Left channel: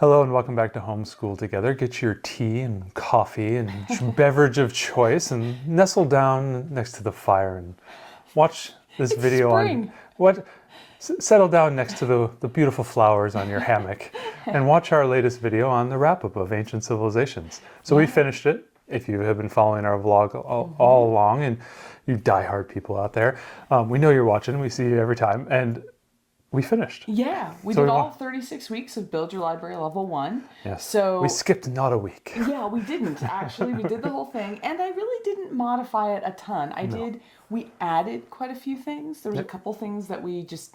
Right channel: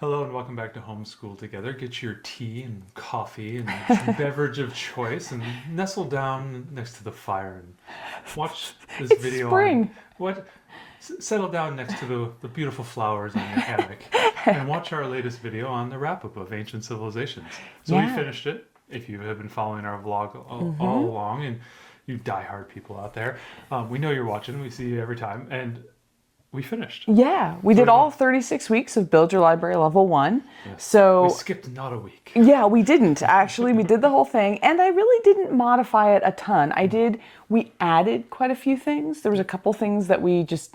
Hello and welcome back to Homeschool Together. Get your tea and coffee and beverage of choice and nestle down next to the fire and watch this video spring. settle down next to the beautiful flowers on your hammock and watch our latest video on the wrap-up of Ancient Civilizations. So we finished it, if you have been following our vlog all along, and you diehard people out there. We know you're watching, we see you every time, and we finished. Yeah, we did all 36 weeks of Build Your Library Level 1. Yes. So we skipped not a week. yeah, we didn't actually. We did the whole thing, and I really didn't modify it a ton. We added quite a few things. There was a couple things that we just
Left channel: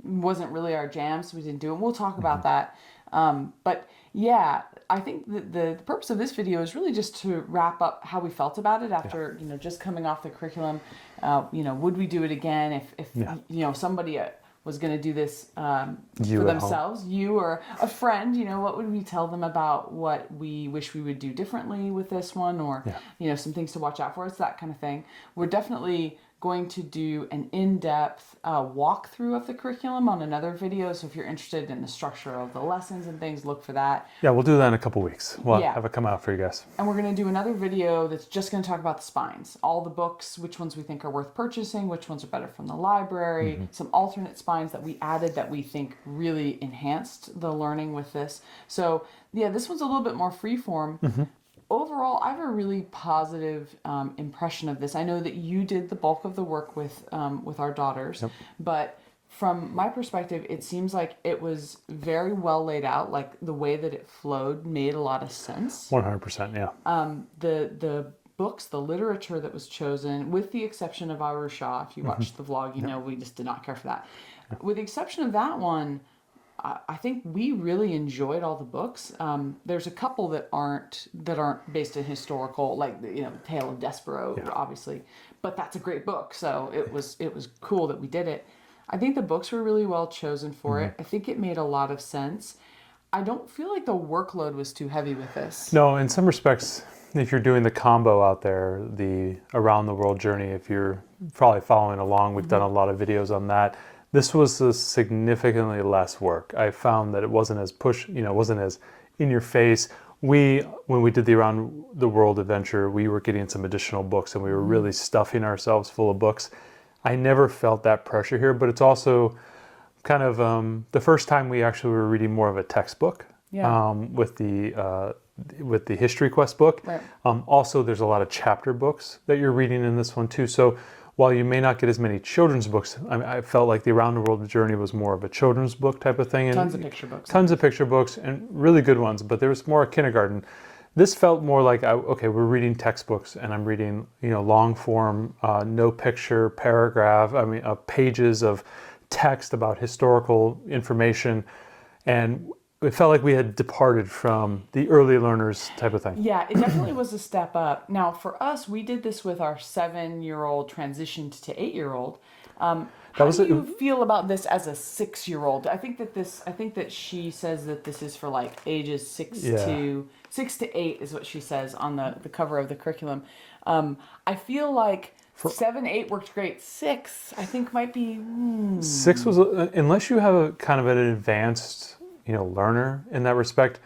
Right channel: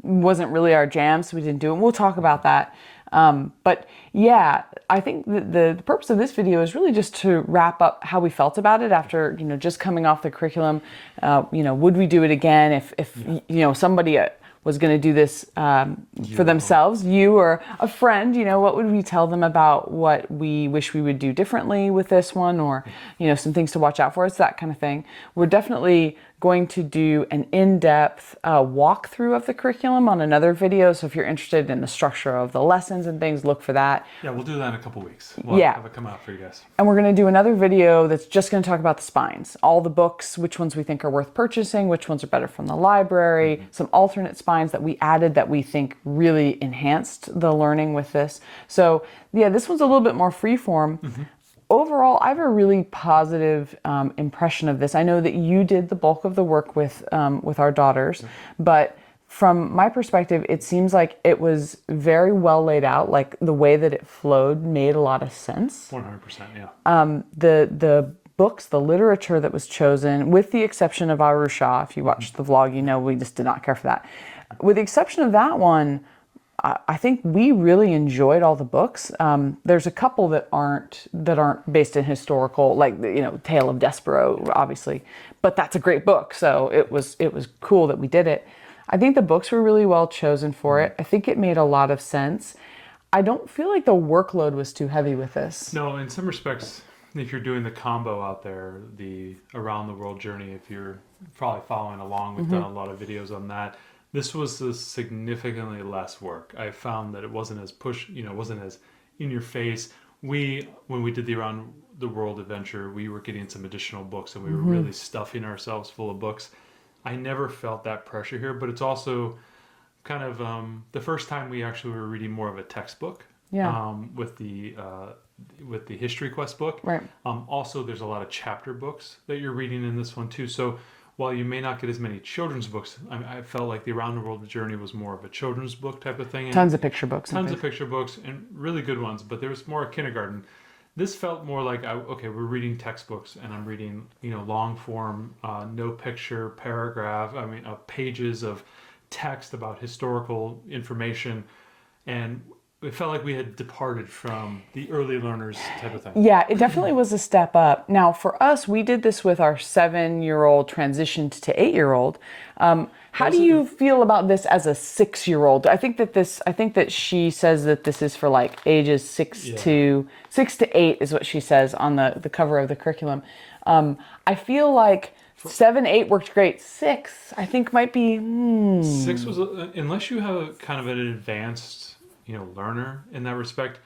wasn't really our jam, so we didn't do it. And we'll talk about that. But yeah, I think the purpose of this video is really just to wrap up how we felt about it after, just coming off the curriculum. Would we do it again if somebody was going to do this for themselves, you or a friend, what would we tell them about what we wish we would do differently with this one, or, some things to watch out for. It's that kind of thing. We're definitely going to do an in-depth walkthrough of the curriculum on another video. So if you're interested in the structure of the lessons and things, look for that. Yeah, we'll do that in a couple weeks. We'll have it come out for you guys. And we're going to do another video that's just going to talk about the spines, all the books, which ones we think are worth purchasing, which ones are better from the library, some alternate spines that we added that we think really enhanced the learning with this. So yeah, this one's a little bit more freeform. Overall, I have a really positive impression of this. I know that you did the bulk of the work with our daughters, but from my perspective, it seems like it was very well laid out. Like the way that it flowed made a lot of sense. 100%, yeah. The books, the literature that was chosen, with the exception of Aru Shah, if you watched the vlog, we just did not care for that. With the exception of that one, I think we really enjoyed all the books. There's a couple that aren't based in historical, like Tale of Despero, obviously, but that's a great book. So it was cool that we did it. I think the books were really well chosen for it. I think it made a lot of sense. I don't feel like the workload was too heavy with this. No, in some respects, if you're doing the combo out there, the Around the World journey, if you're probably following along, we've done a lot of videos on that. This was significantly less work. I found that it wasn't as it wasn't as in your face. When we did the Around the World adventure, we were getting some additional books and we were really stuffing ourselves full of books. I never felt that pressure here, but it's also kind of the first time we actually were reading more of a textbook with the History Quest book. Right. Also, there's a lot of chapter books that you're reading in this one too. So while you may not get as many children's books, I felt like the Around the World journey was more of a children's book type of thing. Tons of picture books. Tons of picture books and really good ones, but there was more kindergarten. This felt more like, okay, we're reading textbooks and I'm reading, long form, no picture, paragraph, pages of text about historical information. And it felt like we had departed from the early learners type of thing. Yeah, it definitely was a step up. Now, for us, we did this with our 7-year-old transitioned to 8-year-old. How do you feel about this as a 6-year-old? I think that she says that this is for like ages 6 to 8 is what she says on the cover of the curriculum. I feel like 7, 8 worked great. 6, I think might be. 6 was, unless you have a kind of an advanced learner in that respect.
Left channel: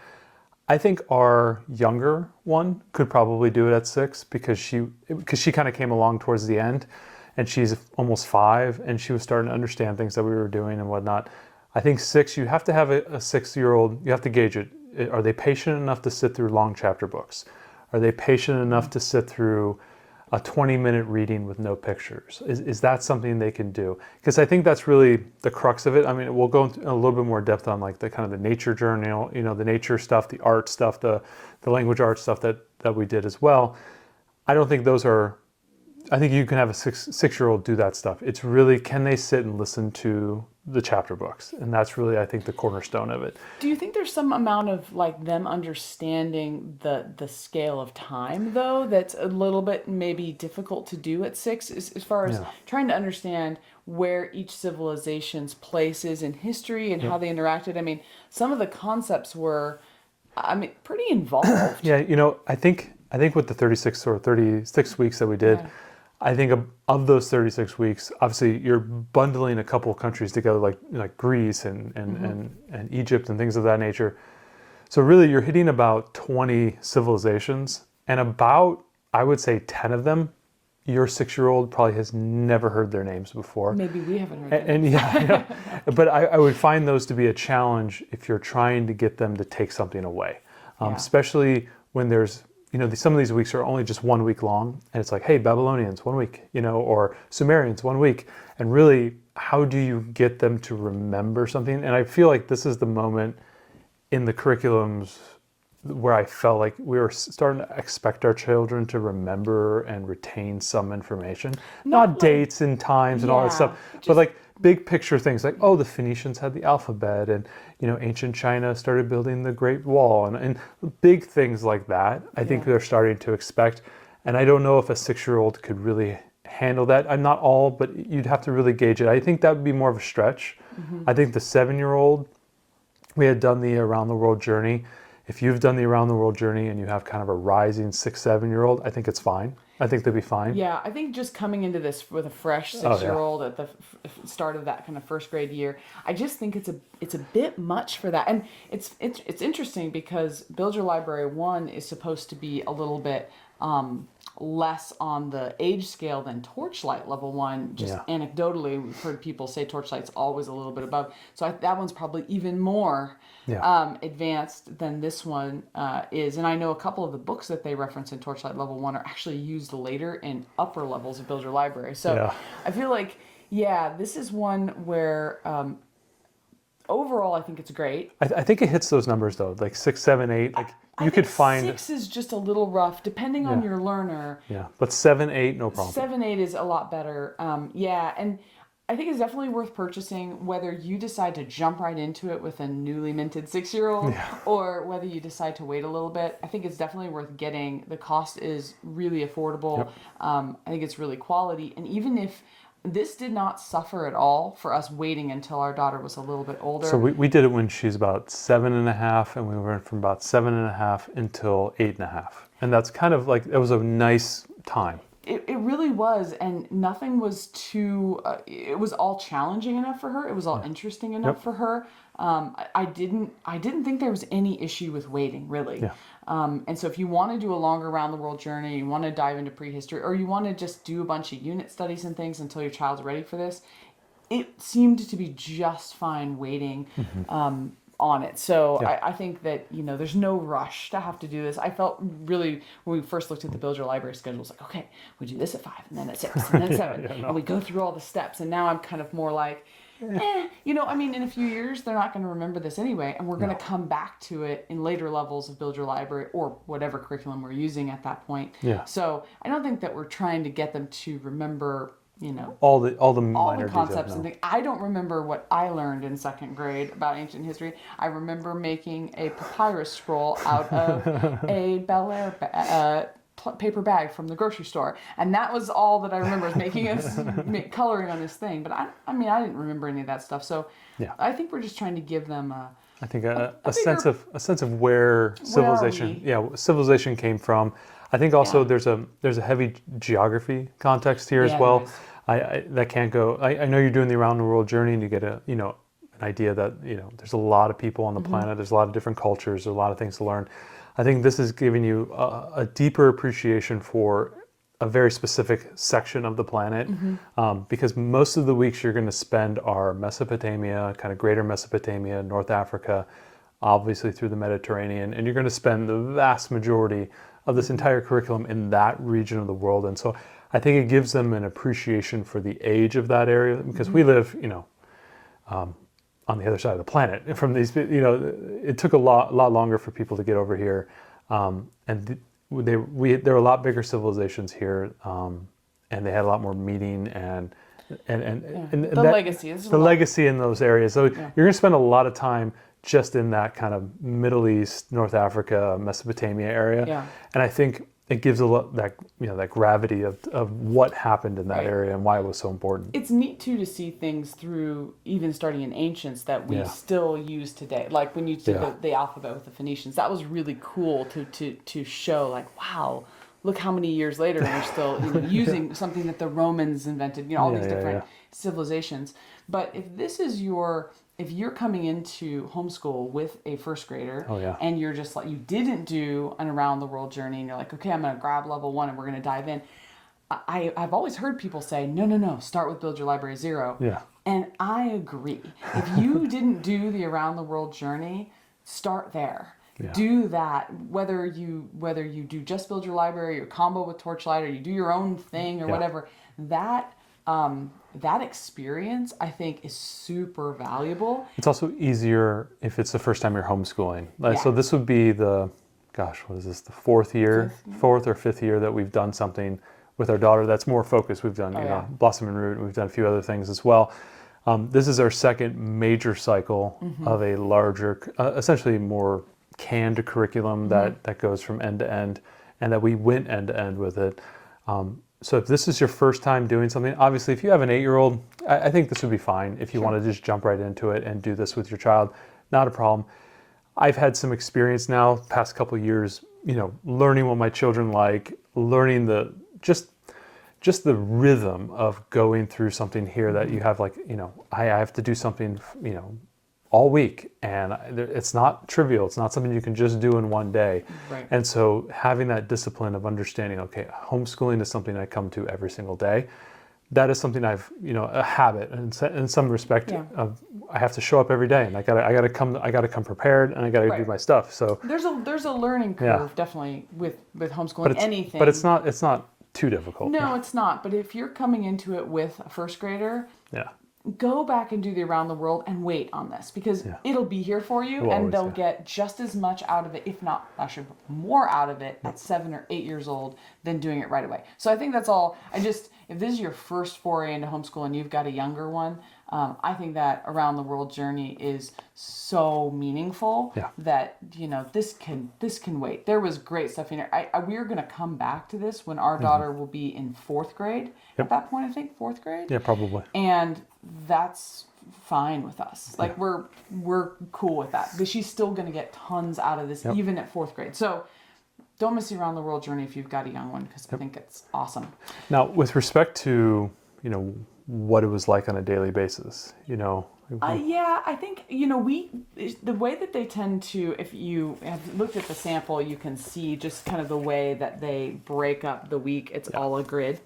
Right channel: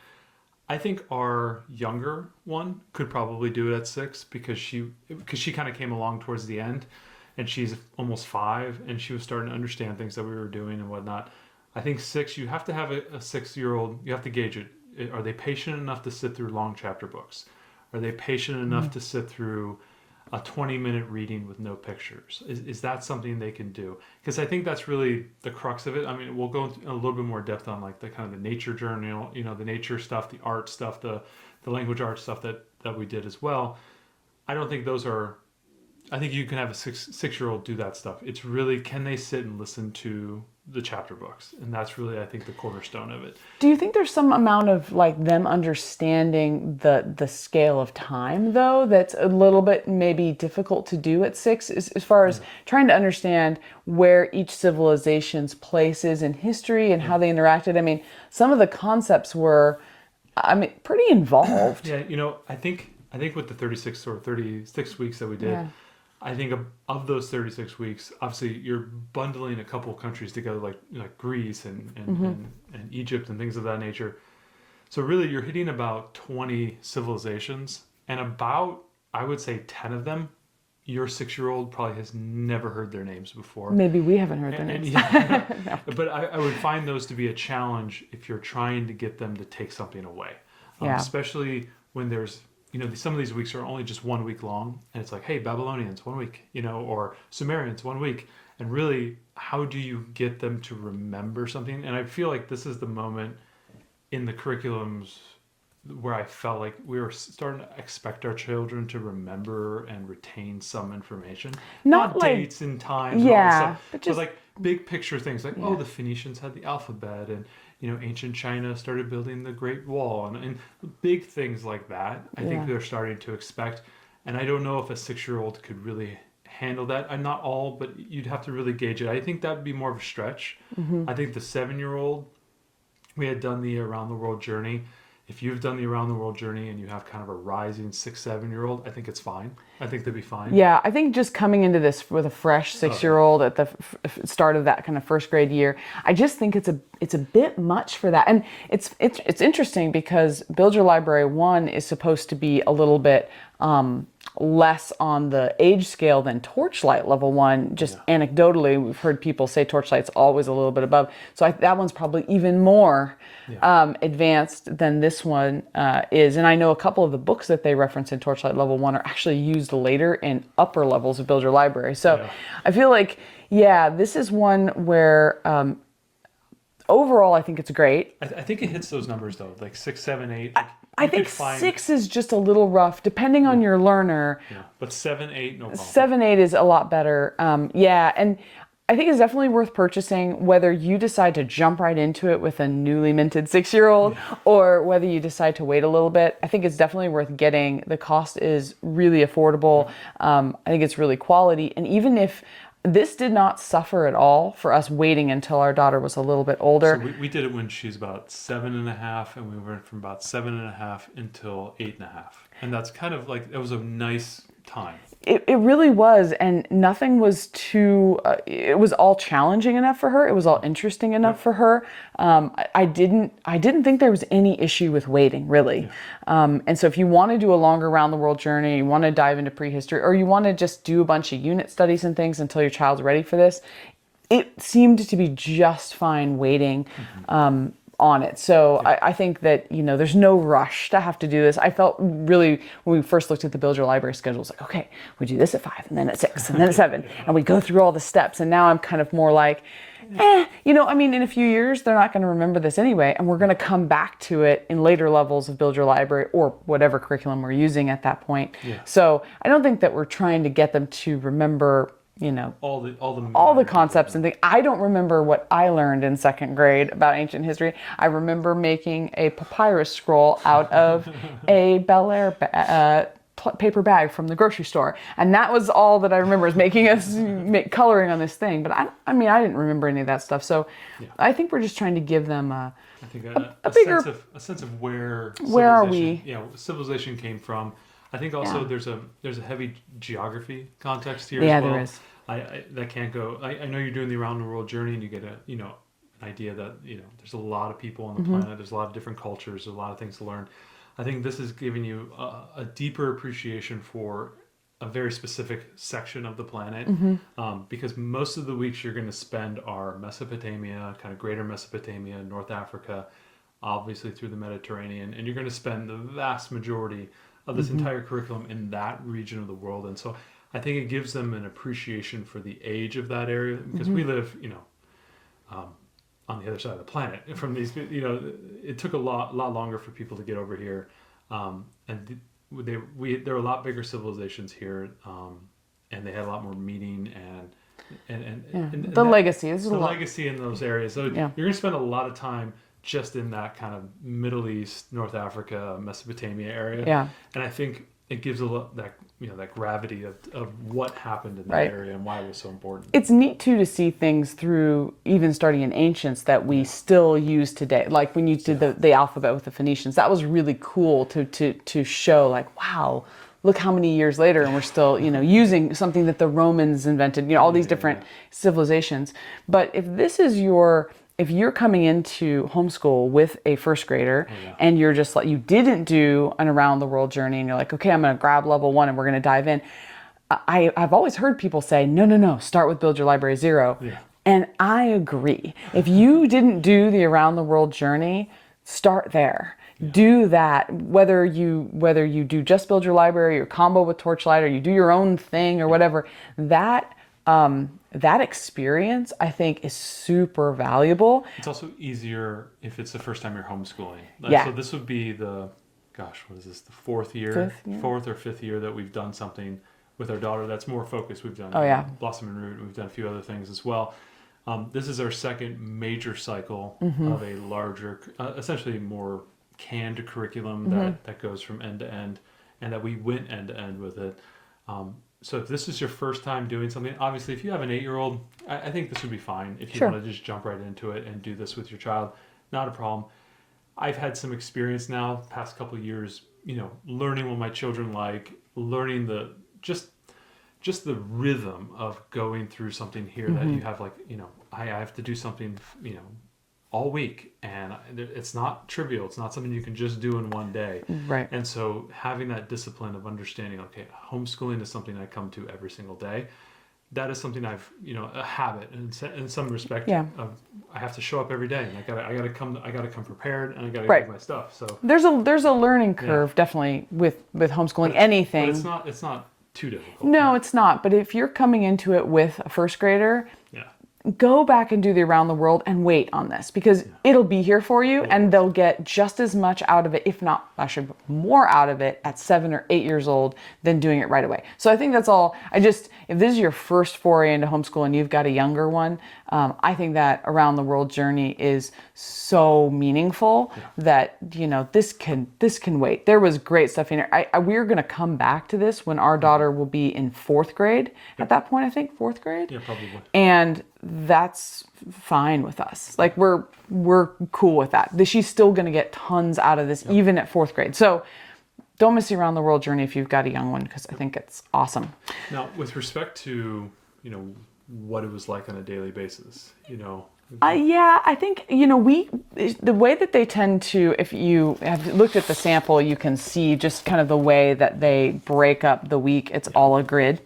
I think our younger one could probably do it at 6 because she kind of came along towards the end, and she's almost 5 and she was starting to understand things that we were doing and whatnot. I think 6, you have to have a 6-year-old, you have to gauge it. Are they patient enough to sit through long chapter books? Are they patient enough to sit through a 20-minute reading with no pictures? Is that something they can do? Because I think that's really the crux of it. I mean, we'll go into a little bit more depth on like the kind of the nature journal, the nature stuff, the art stuff, the language art stuff that we did as well. I don't think those are, I think you can have a 6-year-old do that stuff. It's really, can they sit and listen to the chapter books? And that's really, I think, the cornerstone of it. Do you think there's some amount of like them understanding the scale of time though that's a little bit maybe difficult to do at 6 as far as trying to understand where each civilization's place is in history and how they interacted? I mean, some of the concepts were, pretty involved. Yeah, I think with the 36 weeks that we did, I think of those 36 weeks, obviously you're bundling a couple of countries together, like Greece and Egypt and things of that nature. So really, you're hitting about 20 civilizations, and about, I would say, 10 of them, your 6-year-old probably has never heard their names before. Maybe we haven't heard And yeah, but I would find those to be a challenge if you're trying to get them to take something away, Yeah. especially when there's, some of these weeks are only just 1 week long, and it's like, hey, Babylonians, 1 week, or Sumerians, 1 week. And really, how do you get them to remember something? And I feel like this is the moment in the curriculums where I felt like we were starting to expect our children to remember and retain some information. Not like- dates and times and all that Yeah, stuff, but but like big picture things like, oh, the Phoenicians had the alphabet, and ancient China started building the Great Wall, and big things like that. I think they're starting to expect. And I don't know if a 6-year-old could really handle that. I'm not all, but you'd have to really gauge it. I think that would be more of a stretch. I think the 7-year-old, we had done the Around the World journey. If you've done the Around the World journey and you have kind of a rising 6, 7-year-old, I think it's fine. I think they'd be fine. Yeah, I think just coming into this with a fresh 6-year-old at the start of that kind of first grade year, I just think it's a bit much for that. And it's interesting because Build Your Library 1 is supposed to be a little bit less on the age scale than Torchlight Level 1. Just anecdotally, we've heard people say Torchlight's always a little bit above. So that one's probably even more advanced than this one is. And I know a couple of the books that they reference in Torchlight Level 1 are actually used later in upper levels of Build Your Library. So I feel like, this is one where overall I think it's great. I think it hits those numbers though, like 6, 7, 8. Like I think 6 is just a little rough, depending on your learner. Yeah, but 7, 8, no problem. 7, 8 is a lot better. And I think it's definitely worth purchasing, whether you decide to jump right into it with a newly minted 6-year-old or whether you decide to wait a little bit. I think it's definitely worth getting. The cost is really affordable. I think it's really quality. And even if this did not suffer at all for us waiting until our daughter was a little bit older. So we did it when she's about 7.5, and we went from about 7.5 until 8.5. And that's kind of like, it was a nice time. It really was, and nothing was too, it was all challenging enough for her. It was all interesting enough for her. I didn't think there was any issue with waiting, really. And so if you want to do a longer Around the World journey, you want to dive into prehistory, or you want to just do a bunch of unit studies and things until your child's ready for this, it seemed to be just fine waiting. On it. So I think that, there's no rush to have to do this. I felt really, when we first looked at the Build Your Library schedule, it was like, okay, we do this at 5 and then at 6 and then at 7 and we go through all the steps. And now I'm kind of more like, in a few years, they're not going to remember this anyway. And we're going to come back to it in later levels of Build Your Library or whatever curriculum we're using at that point. So I don't think that we're trying to get them to remember all the concepts and things. I don't remember what I learned in 2nd grade about ancient history. I remember making a papyrus scroll out of a Bel Air paper bag from the grocery store, and that was all that I remember, is making us coloring on this thing. But I didn't remember any of that stuff. So I think we're just trying to give them a sense of where civilization came from. I think also there's a heavy geography context here as well. That can't go. I know you're doing the Around the World journey, and you get an idea that there's a lot of people on the planet. There's a lot of different cultures. There's a lot of things to learn. I think this is giving you a deeper appreciation for a very specific section of the planet, because most of the weeks you're going to spend are Mesopotamia, kind of greater Mesopotamia, North Africa, obviously through the Mediterranean, and you're going to spend the vast majority of this entire curriculum in that region of the world. And so I think it gives them an appreciation for the age of that area, because we live, on the other side of the planet from these, it took a lot longer for people to get over here. And there were a lot bigger civilizations here, and they had a lot more meaning and the legacy. The legacy in those areas. So you're going to spend a lot of time just in that kind of Middle East, North Africa, Mesopotamia area. And I think it gives a lot that gravity of what happened in that area and why it was so important. It's neat too to see things through, even starting in ancients, that we still use today. Like when you did the alphabet with the Phoenicians, that was really cool to show, like, wow, look how many years later and we're still using something that the Romans invented. All these different civilizations. But if this is your if you're coming into homeschool with a first grader Oh, yeah. and you're just like, you didn't do an around the world journey and you're like, okay, I'm going to grab level 1 and we're going to dive in. I've always heard people say, no, start with Build Your Library 0. Yeah. And I agree. If you didn't do the around the world journey, start there. Yeah. Do that, whether you do just Build Your Library or combo with Torchlight, or you do your own thing or whatever. That experience, I think, is super valuable. It's also easier if it's the first time you're homeschooling. Yeah. So this would be the, what is this, the fourth or fifth year that we've done something with our daughter that's more focused. We've done Blossom and Root, we've done a few other things as well. This is our second major cycle of a larger, essentially more canned curriculum that goes from end to end, and that we went end to end with it. So if this is your first time doing something, obviously if you have an 8-year-old, I think this would be fine. If you want to just jump right into it and do this with your child, not a problem. I've had some experience now, past couple of years, learning what my children like, learning just the rhythm of going through something here that you have, like, I have to do something, all week, and it's not trivial. It's not something you can just do in one day. Right. And so having that discipline of understanding, okay, homeschooling is something I come to every single day. That is something I've, a habit, and in some respect of, I have to show up every day, and I gotta come prepared, and I gotta do my stuff. So there's a learning curve definitely with homeschooling, anything. But it's not too difficult. No, it's not. But if you're coming into it with a first grader, go back and do the around the world and wait on this, because it'll be here for you, and they'll get just as much out of it, if not actually more out of it at 7 or 8 years old than doing it right away. So I think that's all. If this is your first foray into homeschool and you've got a younger one, I think that around the world journey is so meaningful that this can wait. There was great stuff in here. We're going to come back to this when our daughter will be in 4th grade. At that point, I think 4th grade. Yeah, probably. And that's fine with us. Like we're cool with that. She's still going to get tons out of this, even at 4th grade. So don't miss the around the world journey if you've got a young one, because I think it's awesome. Now, with respect to what it was like on a daily basis, I think, the way that they tend to, if you have looked at the sample, you can see just kind of the way that they break up the week. It's all a grid.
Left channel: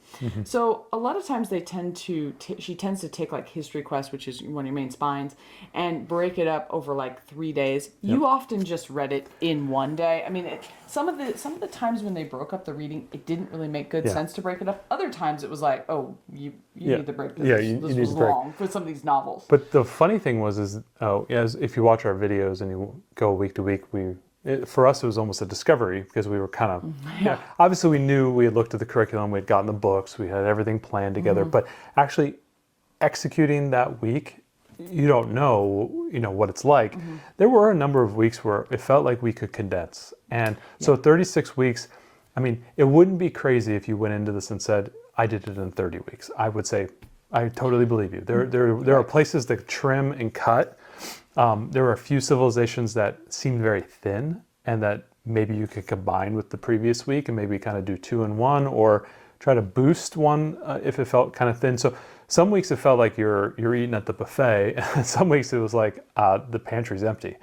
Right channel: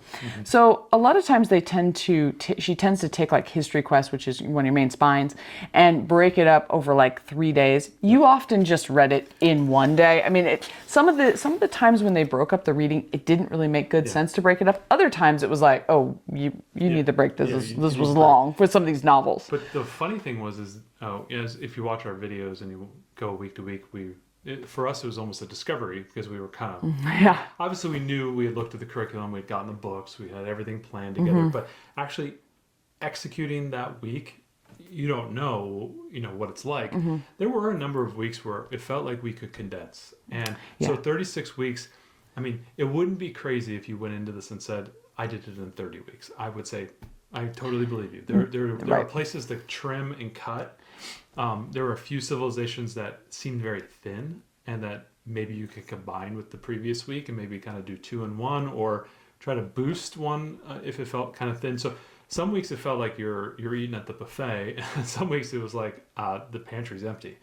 So a lot of times they tend to, she tends to take like history quest, which is one of your main spines, and break it up over like 3 days. You often just read it in one day. I mean, some of the times when they broke up the reading, it didn't really make good sense to break it up. Other times it was like, oh, you need to break this. This was long for some of these novels. But the funny thing was, if you watch our videos and you go week to week, for us it was almost a discovery, because we were kind of obviously we knew, we had looked at the curriculum, we had gotten the books, we had everything planned together, but actually executing that week, you don't know what it's like. There were a number of weeks where it felt like we could condense, and so 36 weeks, I mean, it wouldn't be crazy if you went into this and said, I did it in 30 weeks. I would say, I totally believe you. There are places that trim and cut. There were a few civilizations that seemed very thin, and that maybe you could combine with the previous week and maybe kind of do 2 in 1, or try to boost one if it felt kind of thin. So some weeks it felt like you're eating at the buffet, and some weeks it was like the pantry's empty.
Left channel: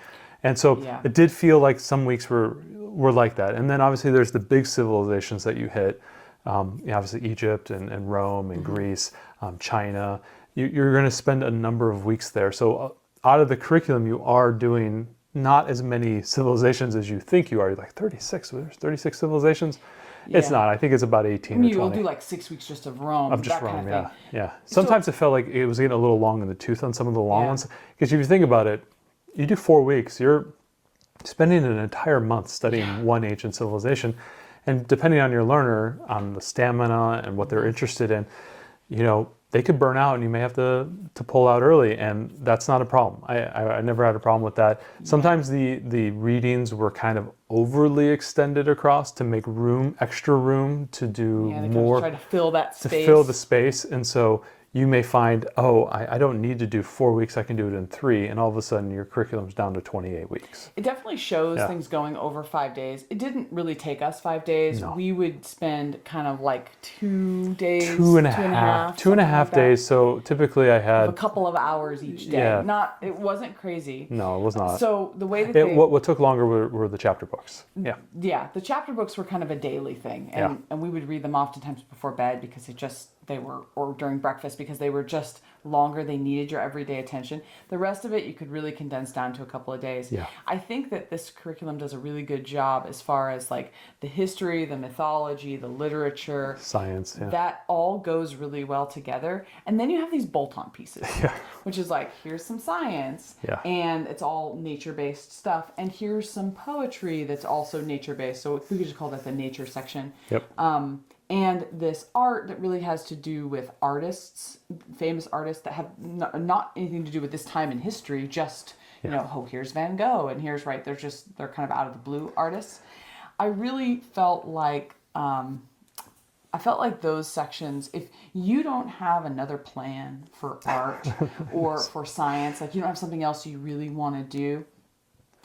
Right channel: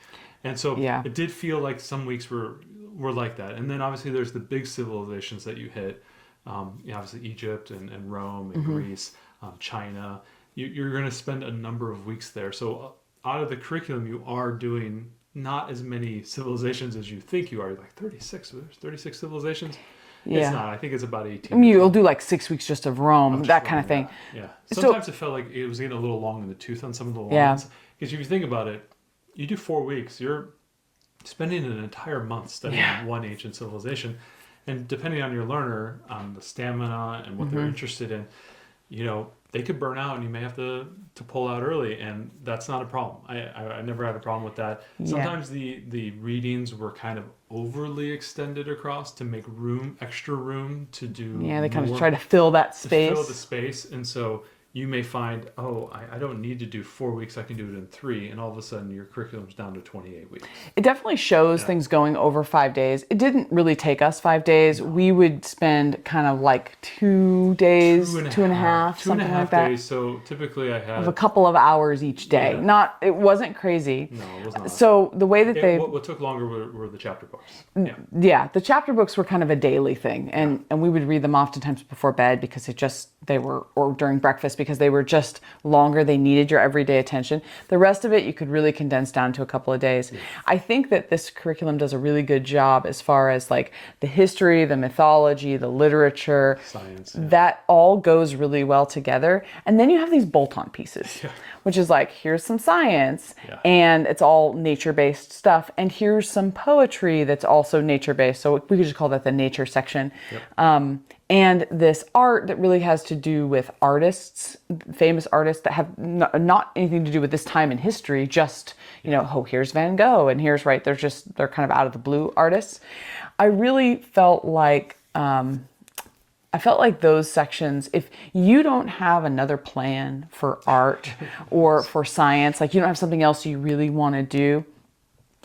And so it did feel like some weeks were like that. And then obviously there's the big civilizations that you hit. Obviously Egypt and Rome and Greece, China. You're going to spend a number of weeks there. So out of the curriculum, you are doing not as many civilizations as you think you are. You're like 36. There's 36 civilizations. It's not. I think it's about 18. You'll do like 6 weeks just of Rome, that kind of thing. Yeah. Sometimes it felt like it was getting a little long in the tooth on some of the long ones. Because if you think about it, you do 4 weeks, you're spending an entire month studying one ancient civilization. And depending on your learner, on the stamina and what they're interested in, they could burn out and you may have to pull out early, and that's not a problem. I never had a problem with that. Sometimes the readings were kind of overly extended across to make extra room to do they more. kind of try to fill that space. To fill the space, and so you may find, oh, I don't need to do 4 weeks, I can do it in 3, and all of a sudden your curriculum's down to 28 weeks. It definitely shows things going over 5 days. It didn't really take us 5 days. No. We would spend kind of like 2 days, Two and a half something like that. days. So typically I had A couple of hours each day. Yeah. It wasn't crazy. No, it was not. So the way that What took longer were the chapter books. Yeah. the chapter books were kind of a daily thing, and we would read them oftentimes before bed because or during breakfast because they were just longer. They needed your everyday attention. The rest of it you could really condense down to a couple of days. Yeah. I think that this curriculum does a really good job as far as like the history, the mythology, the literature, Science. Yeah. that all goes really well together. And then you have these bolt-on pieces, which is like, here's some science, and it's all nature-based stuff. And here's some poetry that's also nature-based. So we could just call that the nature section. Yep. And this art that really has to do with artists, famous artists that have not anything to do with this time in history, just, oh, here's Van Gogh, and here's, they're kind of out of the blue artists. I really felt like, those sections, if you don't have another plan for art or for science, like you don't have something else you really want to do,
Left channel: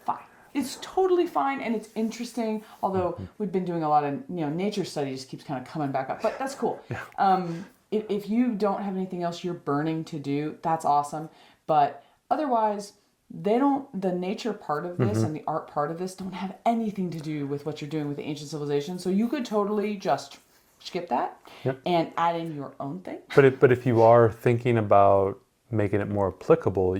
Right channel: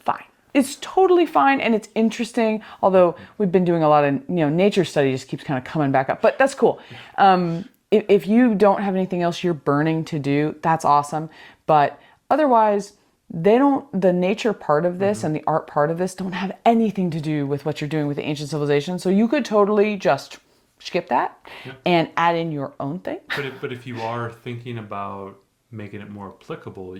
fine. It's totally fine and it's interesting, although we've been doing a lot of, nature study just keeps kind of coming back up, but that's cool. If you don't have anything else you're burning to do, that's awesome. But otherwise, the nature part of this and the art part of this don't have anything to do with what you're doing with the ancient civilization. So you could totally just skip that and add in your own thing. But if you are thinking about making it more applicable,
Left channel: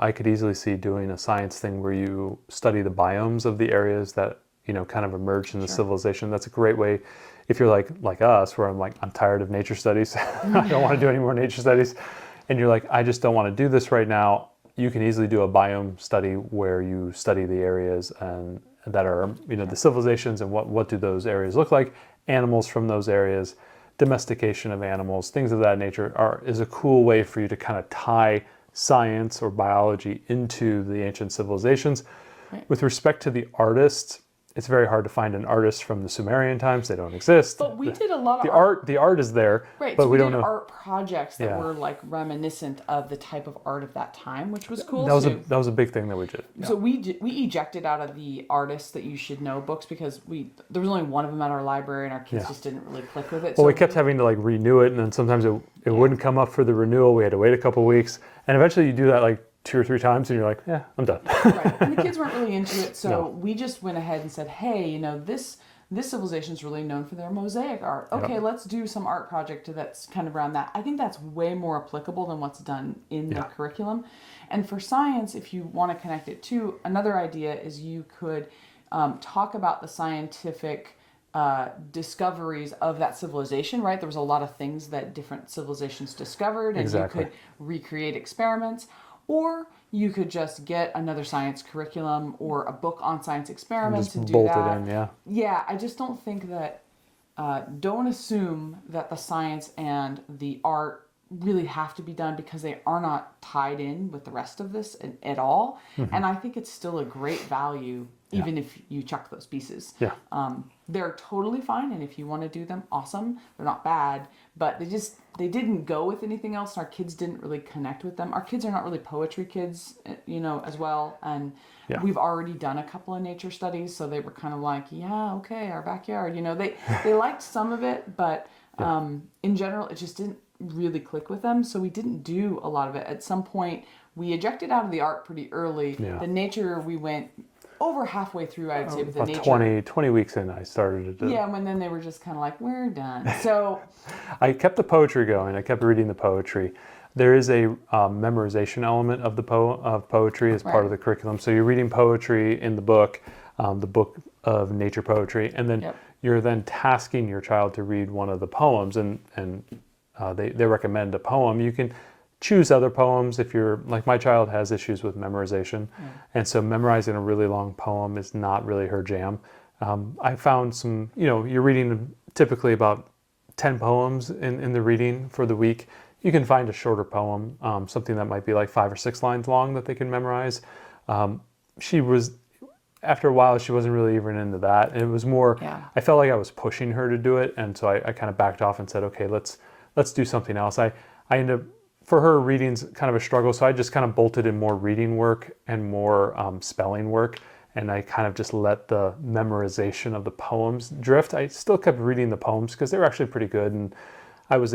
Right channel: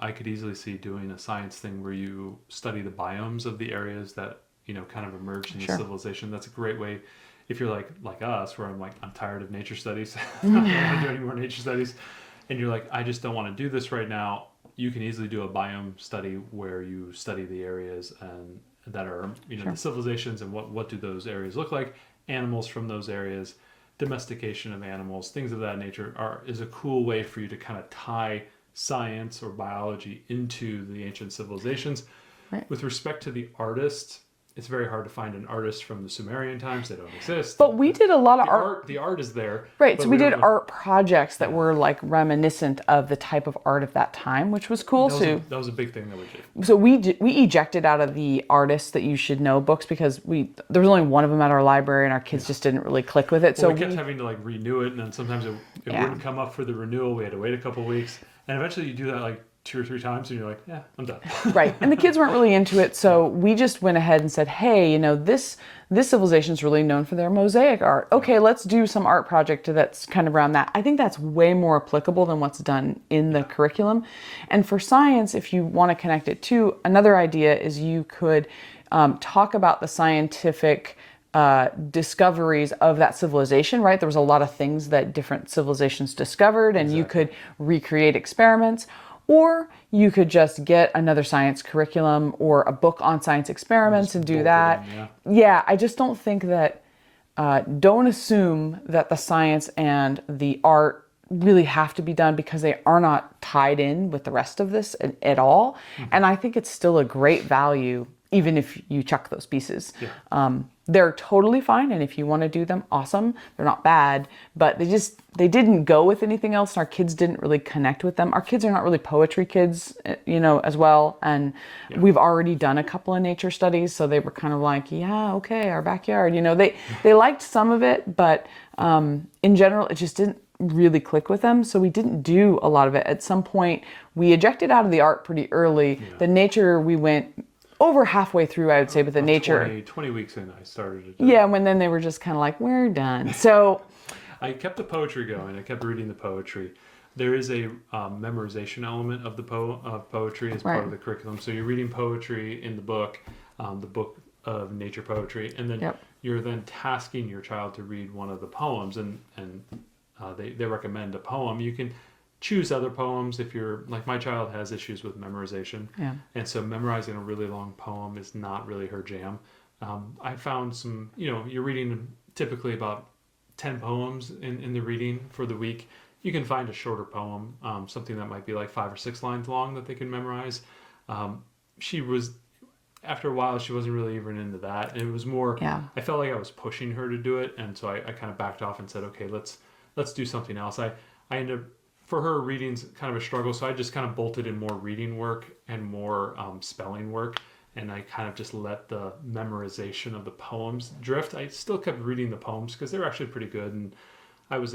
I could easily see doing a science thing where you study the biomes of the areas that kind of emerged in the civilization. That's a great way. If you're like us, where I'm tired of nature studies, I don't want to do any more nature studies, and you're like, I just don't want to do this right now. You can easily do a biome study where you study the areas and that are the civilizations and what do those areas look like, animals from those areas, domestication of animals, things of that nature is a cool way for you to kind of tie science or biology into the ancient civilizations. With respect to the artists, it's very hard to find an artist from the Sumerian times. They don't exist. But we did a lot of art. The art is there. Right, but so we did art projects that were like reminiscent of the type of art of that time, which was cool too. That was a big thing that we did. Yeah. So we ejected out of the artists that you should know books because there was only one of them at our library and our kids just didn't really click with it. Well, we kept having to renew it, and then sometimes it wouldn't come up for the renewal. We had to wait a couple weeks, and eventually you do that 2 or 3 times and you're like, yeah, I'm done. Right. And the kids weren't really into it. So we just went ahead and said, hey, this civilization is really known for their mosaic art. Okay, let's do some art project that's kind of around that. I think that's way more applicable than what's done in the curriculum. And for science, if you want to connect it to, another idea is you could talk about the scientific discoveries of that civilization, right? There was a lot of things that different civilizations discovered, and you could recreate experiments. Or you could just get another science curriculum or a book on science experiments and do that. Yeah, I just don't think that, don't assume that the science and the art really have to be done because they are not tied in with the rest of this at all. And I think it's still a great value, even if you chuck those pieces. They're totally fine, and if you want to do them, awesome. They're not bad, but they didn't go with anything else, and our kids didn't really connect with them. Our kids are not really poetry kids, as well, and we've already done a couple of nature studies, so they were kind of like, yeah, okay, our backyard. They liked some of it, but in general, it just didn't really click with them, so we didn't do a lot of it. At some point, we ejected out of the art pretty early. The nature, we went over halfway through, I would say, with the nature. 20 weeks in, I started it. Yeah, when then they were just kind of like, we're done. So I kept the poetry going. I kept reading the poetry. There is a memorization element of poetry as part of the curriculum. So you're reading poetry in the book of nature poetry, and then you're then tasking your child to read one of the poems, and they recommend a poem. You can choose other poems if you're, like my child has issues with memorization. And so memorizing a really long poem is not really her jam. I found some, you're reading typically about 10 poems in the reading for the week. You can find a shorter poem, something that might be like 5 or 6 lines long that they can memorize. After a while, she wasn't really even into that. And it was more, I felt like I was pushing her to do it. And so I kind of backed off and said, okay, let's do something else. I ended up, for her, reading's kind of a struggle, so I just kind of bolted in more reading work and more spelling work, and I kind of just let the memorization of the poems drift. I still kept reading the poems because they were actually pretty good, and I was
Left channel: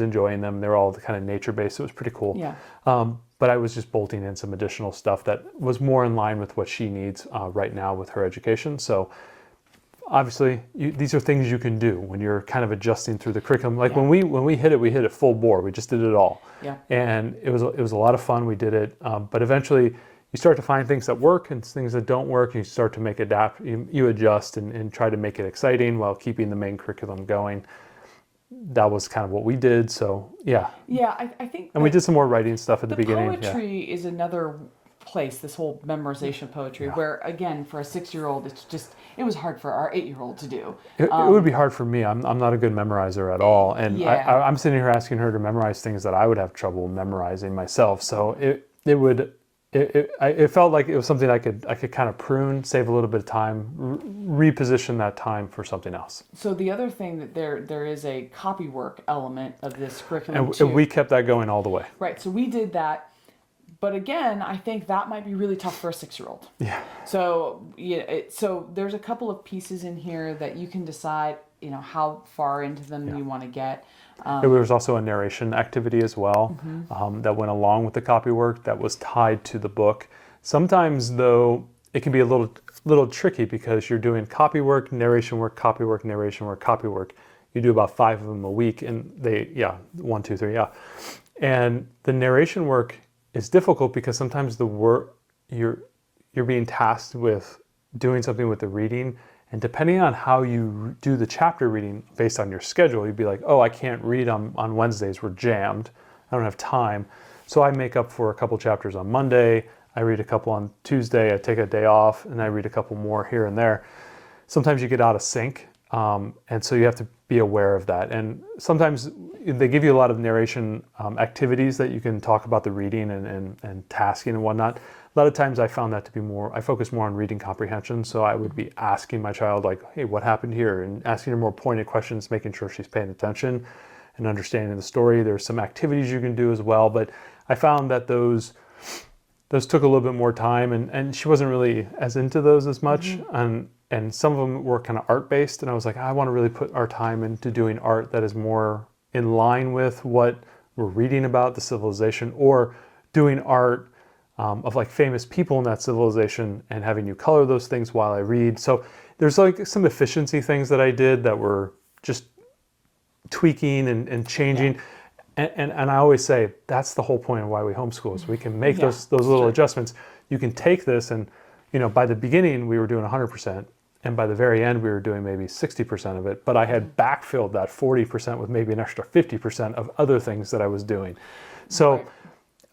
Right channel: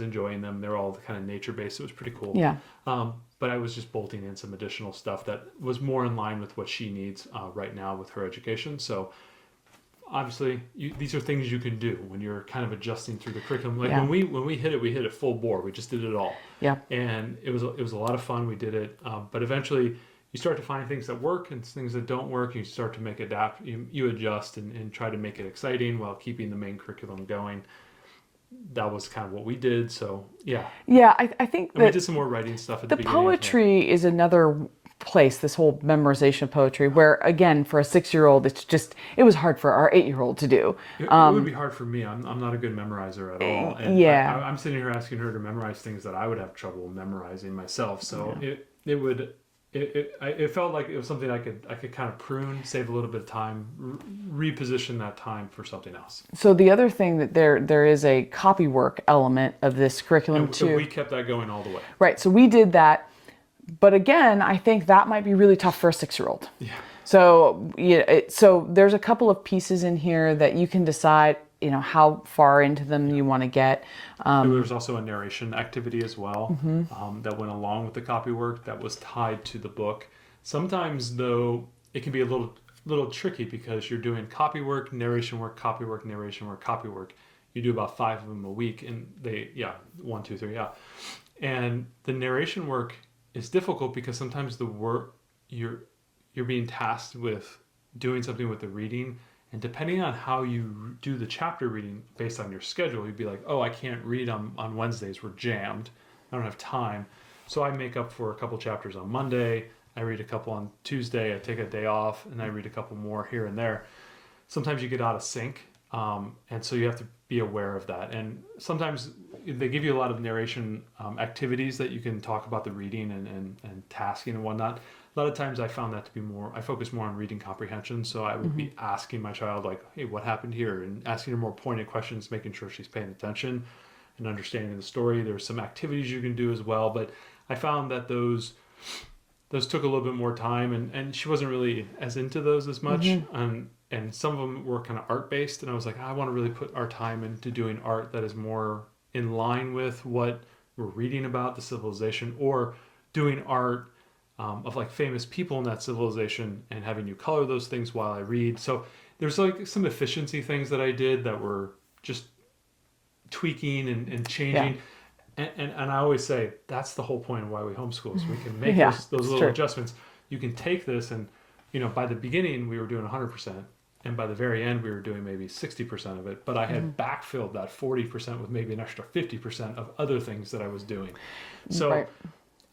enjoying them. They were all kind of nature-based. It was pretty cool. Yeah. But I was just bolting in some additional stuff that was more in line with what she needs right now with her education. So obviously, these are things you can do when you're kind of adjusting through the curriculum. Like when we hit it full bore. We just did it all. Yeah. And it was a lot of fun. We did it, but eventually you start to find things that work and things that don't work. And you start to you adjust and try to make it exciting while keeping the main curriculum going. That was kind of what we did. So yeah. Yeah, I think. And we did some more writing stuff at the beginning. Poetry is another place, this whole memorization of poetry, where again, for a 6-year-old, it was hard for our 8-year-old to do. It would be hard for me. I'm not a good memorizer at all. And I'm sitting here asking her to memorize things that I would have trouble memorizing myself. So it felt like it was something I could kind of prune, save a little bit of time, reposition that time for something else. So the other thing that there is a copywork element of this curriculum too. And we kept that going all the way. Right. So we did that, but again, I think that might be really tough for a 6-year-old. Yeah. So so there's a couple of pieces in here that you can decide, how far into them you want to get. There was also a narration activity as well that went along with the copywork that was tied to the book. Sometimes, though, it can be a little tricky because you're doing copywork, narration work, copywork, narration work, copywork. You do about 5 of them a week, and 1, 2, 3, And the narration work is difficult because sometimes the work you're being tasked with doing something with the reading. And depending on how you do the chapter reading based on your schedule, you'd be like, oh, I can't read on Wednesdays, we're jammed. I don't have time. So I make up for a couple chapters on Monday, I read a couple on Tuesday, I take a day off, and I read a couple more here and there. Sometimes you get out of sync, and so you have to be aware of that. And sometimes they give you a lot of narration activities that you can talk about the reading and tasking and whatnot. A lot of times I found that to be I focus more on reading comprehension. So I would be asking my child like, hey, what happened here? And asking her more pointed questions, making sure she's paying attention and understanding the story. There's some activities you can do as well. But I found that those took a little bit more time and she wasn't really as into those as much. And some of them were kind of art-based. And I was like, I want to really put our time into doing art that is more in line with what we're reading about, the civilization, or doing art of like famous people in that civilization and having you color those things while I read. So there's like some efficiency things that I did that were just tweaking and changing. Yeah. And I always say that's the whole point of why we homeschool, so we can make those little adjustments. You can take this and, by the beginning we were doing 100%. And by the very end, we were doing maybe 60% of it. But I had backfilled that 40% with maybe an extra 50% of other things that I was doing. So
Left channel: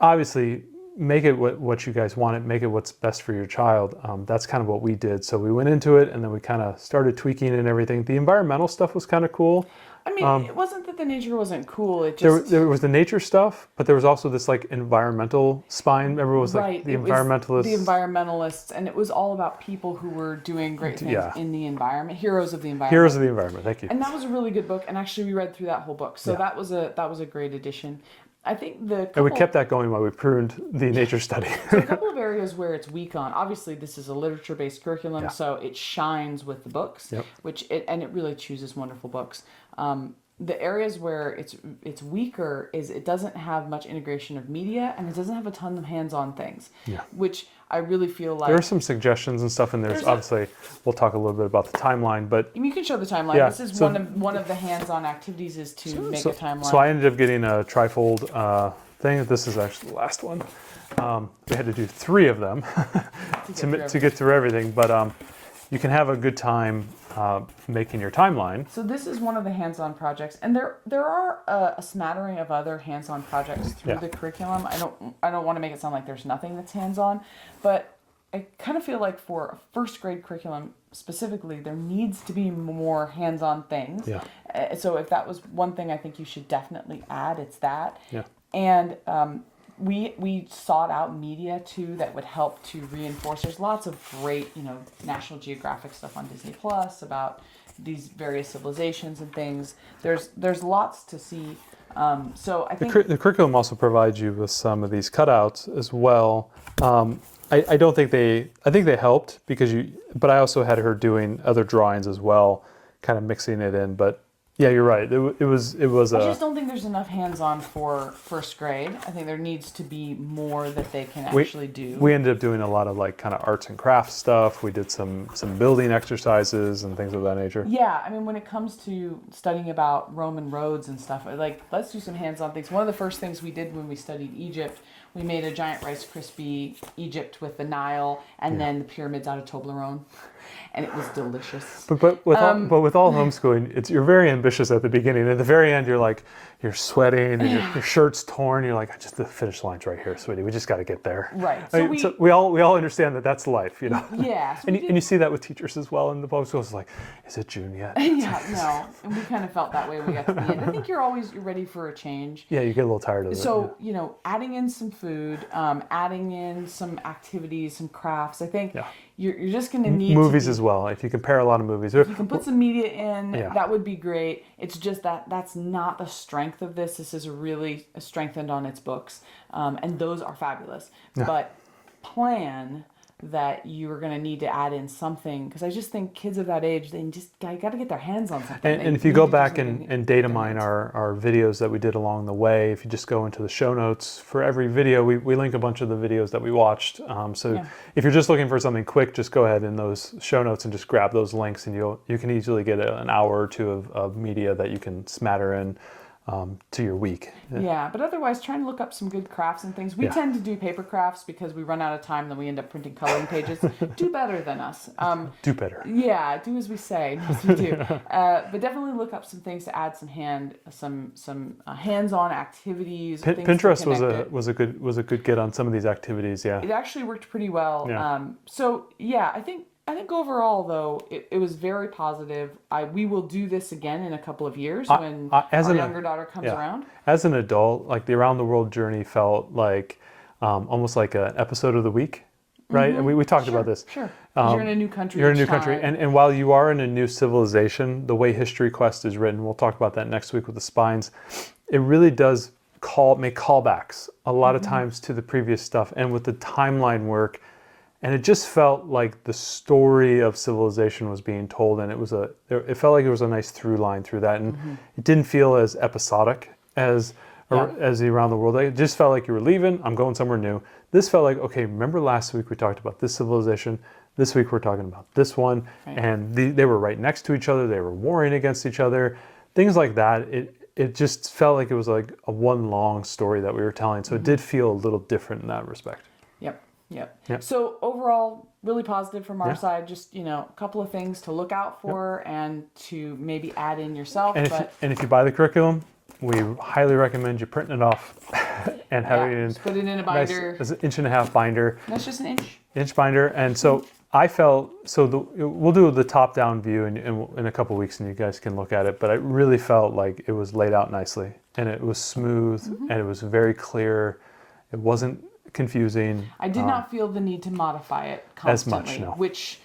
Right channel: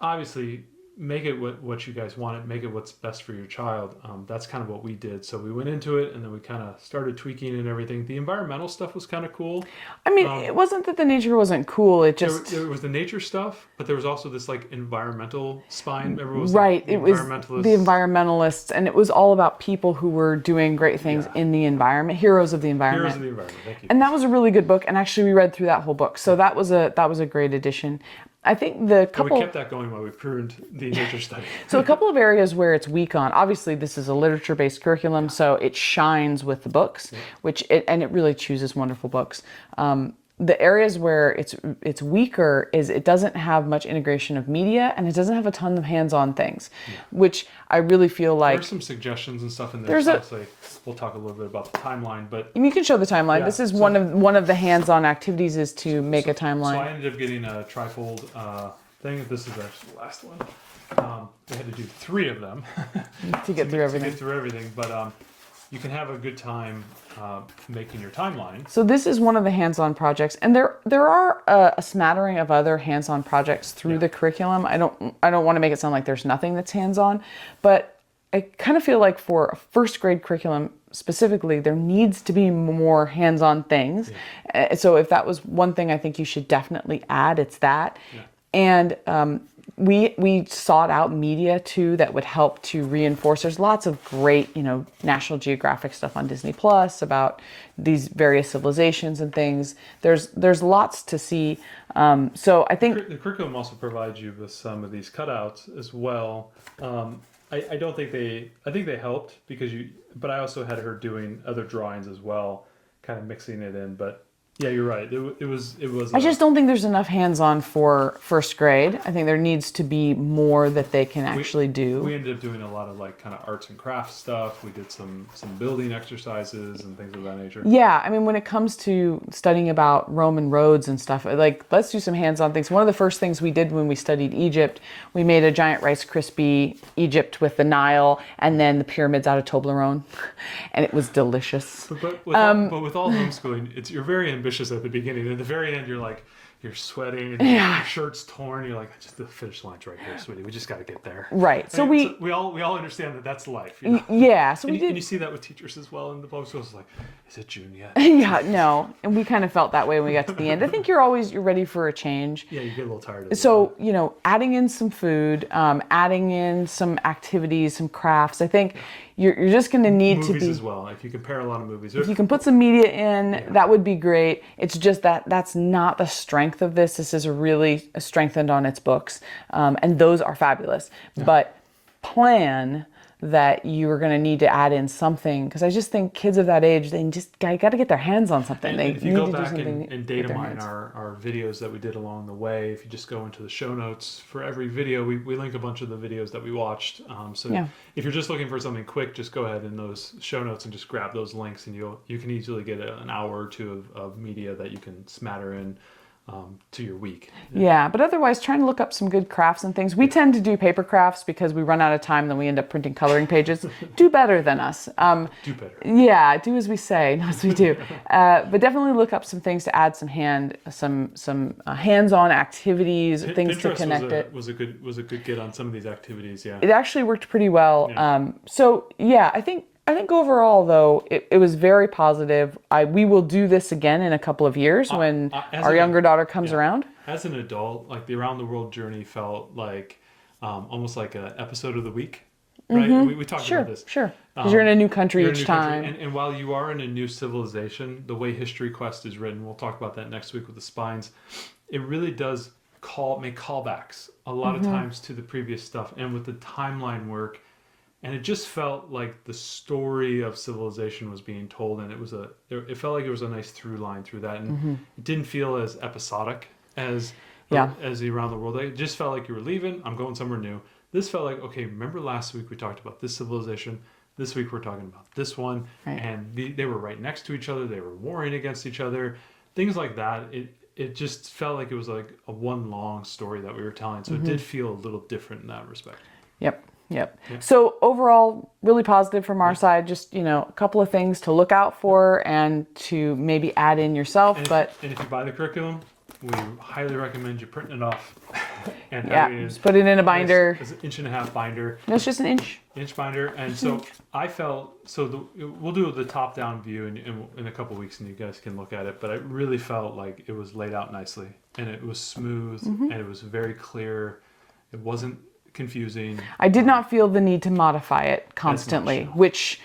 obviously, make it what you guys want it, make it what's best for your child. That's kind of what we did. So we went into it and then we kind of started tweaking and everything. The environmental stuff was kind of cool. I mean, it wasn't that the nature wasn't cool. It just there was the nature stuff, but there was also this like environmental spine. Remember, it was like, the environmentalists. The environmentalists, and it was all about people who were doing great things in the environment, heroes of the environment. Heroes of the environment. Thank you. And that was a really good book. And actually, we read through that whole book, so that was a great addition. I think and we kept that going while we pruned the nature study. So a couple of areas where it's weak on. Obviously, this is a literature-based curriculum, so it shines with the books, and it really chooses wonderful books. The areas where it's weaker is it doesn't have much integration of media and it doesn't have a ton of hands-on things, which I really feel like... There are some suggestions and stuff, and there's obviously, we'll talk a little bit about the timeline, but... You can show the timeline. Yeah, this is one of the hands-on activities is to make a timeline. So I ended up getting a trifold thing. This is actually the last one. We had to do 3 of them to get through everything, but you can have a good time making your timeline. So this is one of the hands-on projects, and there are a smattering of other hands-on projects through the curriculum. I don't want to make it sound like there's nothing that's hands-on, but I kind of feel like for a first grade curriculum specifically, there needs to be more hands-on things. So if that was one thing I think you should definitely add, it's that. And we sought out media too that would help to reinforce. There's lots of great, National Geographic stuff on Disney Plus about these various civilizations and things. There's lots to see. So I think The curriculum also provides you with some of these cutouts as well. I don't think I think they helped but I also had her doing other drawings as well, kind of mixing it in. But yeah, you're right. It was. I just don't think there's enough hands-on for first grade. I think there needs to be more that they can actually do. We ended up doing a lot of like kind of arts and crafts stuff. We did some building exercises and things of that nature. Yeah, I mean, when it comes to studying about Roman roads and stuff, like, let's do some hands-on things. One of the first things we did when we studied Egypt, we made a giant Rice Krispie Egypt with the Nile and then the pyramids out of Toblerone, and it was delicious. But with all homeschooling, you're very ambitious at the beginning. At the very end, you're sweating, and your shirt's torn. You're like, just the finish line's right here, sweetie. We just got to get there. Right. So we all understand that that's life, Yeah. So and you see that with teachers as well in the public schools. It's like, is it June yet? Yeah. No. And we kind of felt that way when we got to the end. I think you're ready for a change. Yeah, you get a little tired of it. So adding in some food, adding in some activities, some crafts. I think you're just going to need movies as well. If you compare a lot of movies, if you can put some media in, that would be great. It's just that's not the strength of this. This is really strengthened on its books, and those are fabulous. Yeah. But plan that you are going to need to add in something, because I just think kids of that age, they just got to get their hands on something. And if you go back and data mine our videos that we did along the way, if you just go into the show notes for every video, we link a bunch of the videos that we watched. If you're just looking for something quick, just go ahead in those show notes and just grab those links, and you can easily get an hour or two of media that you can smatter in to your week. Yeah, but otherwise trying to look up some good crafts and things. We tend to do paper crafts because we run out of time, then we end up printing coloring pages. Do better than us. Do better. Yeah, do as we say, not as we do. But definitely look up some things to add some hands-on activities, things Pinterest to connect was a good get on some of these activities. Yeah, it actually worked pretty well. Yeah. I think overall, though, it was very positive. We will do this again in a couple of years when our younger daughter comes around. As an adult, like the Around the World journey felt like almost like an episode of the week, right? Mm-hmm. And we talked about this. Sure, because you're in a new country each time. And while you are in a new civilization, the way History Quest is written, we'll talk about that next week with the spines, it really does make callbacks a lot of times to the previous stuff. And with the timeline work, and it just felt like the story of civilization was being told, and it felt like there was a nice through line through that, and it didn't feel as episodic as the Around the World. It just felt like you were leaving, I'm going somewhere new. This felt like, okay, remember last week we talked about this civilization, this week we're talking about this one, and they were right next to each other, they were warring against each other, things like that. It just felt like it was like a one long story that we were telling, so it did feel a little different in that respect. Yep. So overall, really positive from our side. Just a couple of things to look out for and to maybe add in yourself. And if you buy the curriculum, we highly recommend you printing it off and having it just put it in a binder. It's an 1.5 inch binder. It's just an inch binder. And so I felt we'll do the top down view in a couple of weeks, and you guys can look at it. But I really felt like it was laid out nicely, and it was smooth, and it was very clear. It wasn't confusing. I did not feel the need to modify it constantly, much, no. which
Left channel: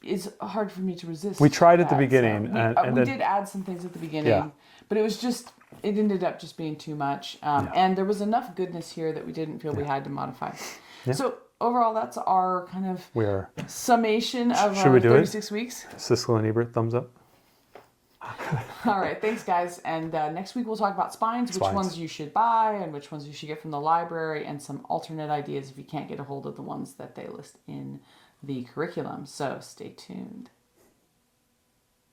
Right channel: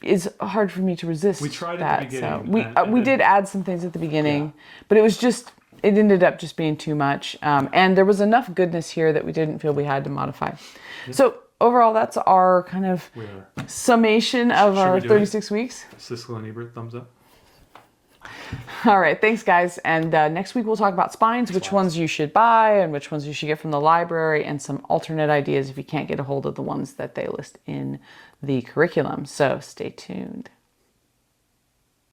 is hard for me to resist. We tried at the beginning. So we did add some things at the beginning, but it ended up just being too much. And there was enough goodness here that we didn't feel we had to modify. Yeah. So overall, that's our kind of summation of our 36 weeks. Siskel and Ebert, thumbs up. All right, thanks guys. And next week we'll talk about spines, which ones you should buy and which ones you should get from the library, and some alternate ideas if you can't get a hold of the ones that they list in the curriculum. So stay tuned.